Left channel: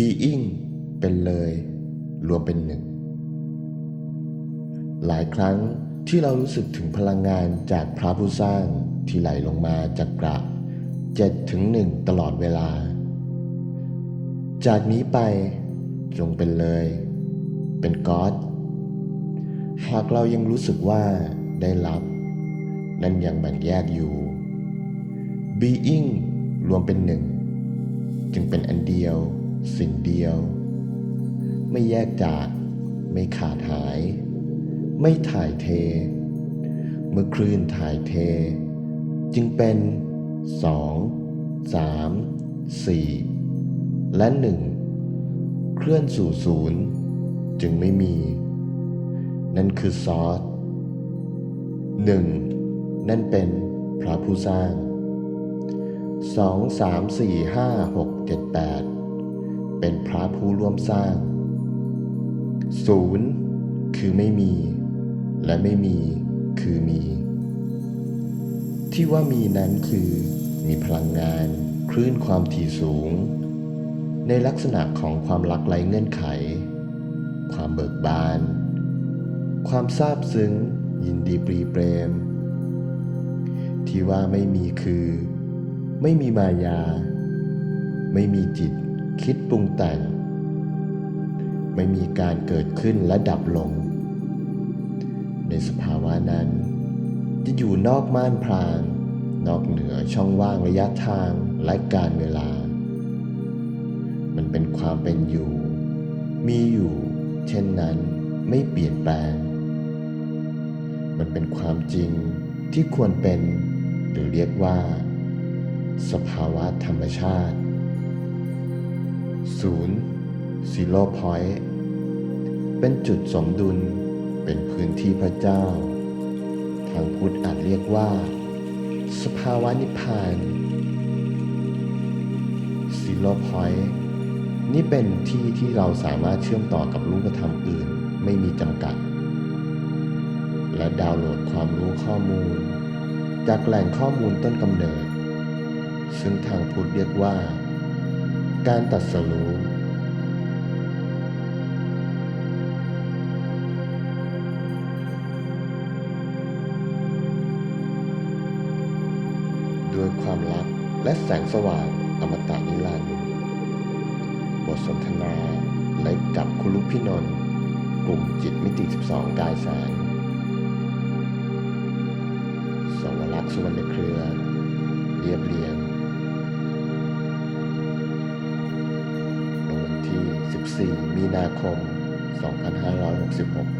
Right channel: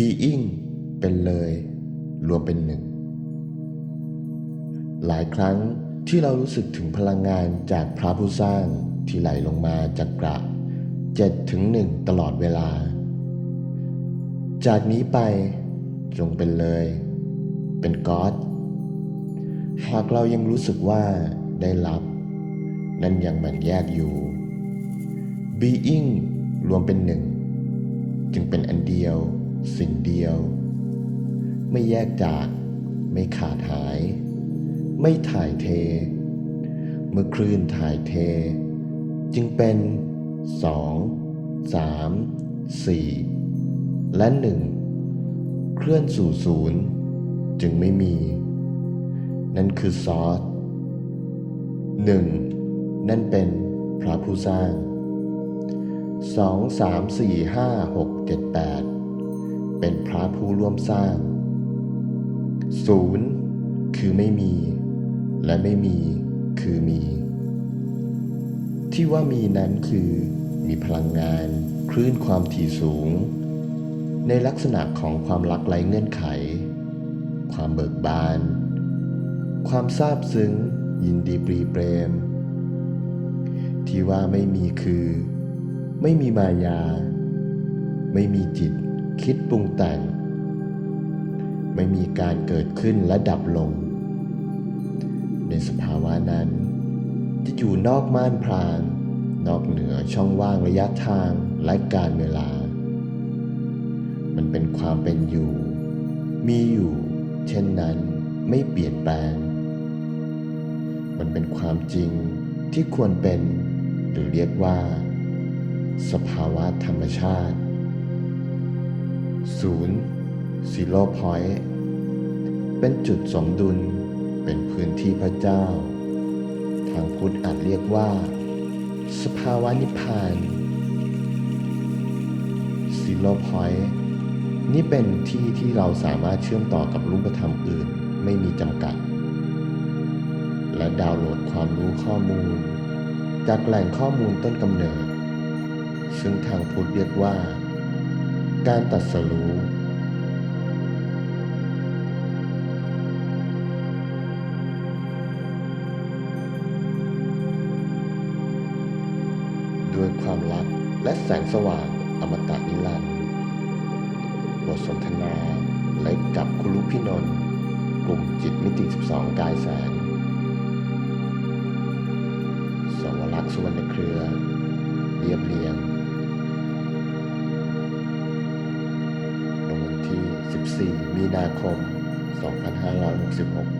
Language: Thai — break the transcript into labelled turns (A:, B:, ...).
A: being เป็นเลย รวมเป็นหนึ่ง หลายครั้งที่เรารู้สึกถึงพลังงานจากพระผู้สร้างที่ไหลลงมาจากกระเจ็ดถึงหนึ่งตลอดเวลา จากนี้ไปจงเป็นเลย เป็นก๊อดหากเรายังรู้สึกว่าได้รับ นั่นยังแบ่งแยกอยู่ being รวมเป็นหนึ่ง จึงเป็นอันเดียว สิ่งเดียว ไม่แยกจาก ไม่ขาดหาย ไม่ถ่ายเท เมื่อคลื่นถ่ายเท จึงเป็นสองสามสี่และหนึ่งเคลื่อนสู่ศูนย์จึงไม่มี นั่นคือซอสหนึ่งนั่นเป็นพระผู้สร้างสองสามสี่ห้าหก เป็นพระผู้ร่วมสร้างศูนย์คือไม่มี และไม่มีคือมี ที่ว่ามีนั้นคือ มีพลังงาน คลื่นความถี่สูง ในลักษณะของความรักไร้เงื่อนไข ความเบิกบาน ความซาบซึ้ง ยินดีปรีเปรม ที่ว่าไม่มีคือ ไม่มีมายา ไม่มีจิต คิดปรุงแต่ง ไม่มีการเกิดขึ้นและดับลง ในสภาวะนั้น จะอยู่นอกม่านพราง นอกเหนือช่องว่างระยะทางและการเวลา มันเป็นความเป็นอยู่ มีอยู่ เช่นนั้นไม่เปลี่ยนแปลง มันเป็นความจริงที่ควรเป็น หรือเรียกว่า สภาวะธรรมชาติ ศูนย์ zero point เป็นจุดสมดุลเป็นพื้นที่พระเจ้า ทางพุทธอาจเรียกว่า สภาวะนิพพาน zero point นี่เป็นที่ที่เราสามารถเชื่อมต่อกับรูปธรรมอื่นไม่มีจำกัด และดาวน์โหลดความรู้ข้อมูล จากแหล่งข้อมูลต้นกำเนิด ซึ่งทางพุทธเรียกว่า การตัดสรู้ด้วยความรักและแสงสว่างอมตะนิรันดร์บทสนทนาและกับคุณลุพี่นนท์กลุ่มจิตมิติ 12 กายแสง สวรักษ์สุวรรณเครือ เรียบเรียง ที่ 14 มีนาคม 2566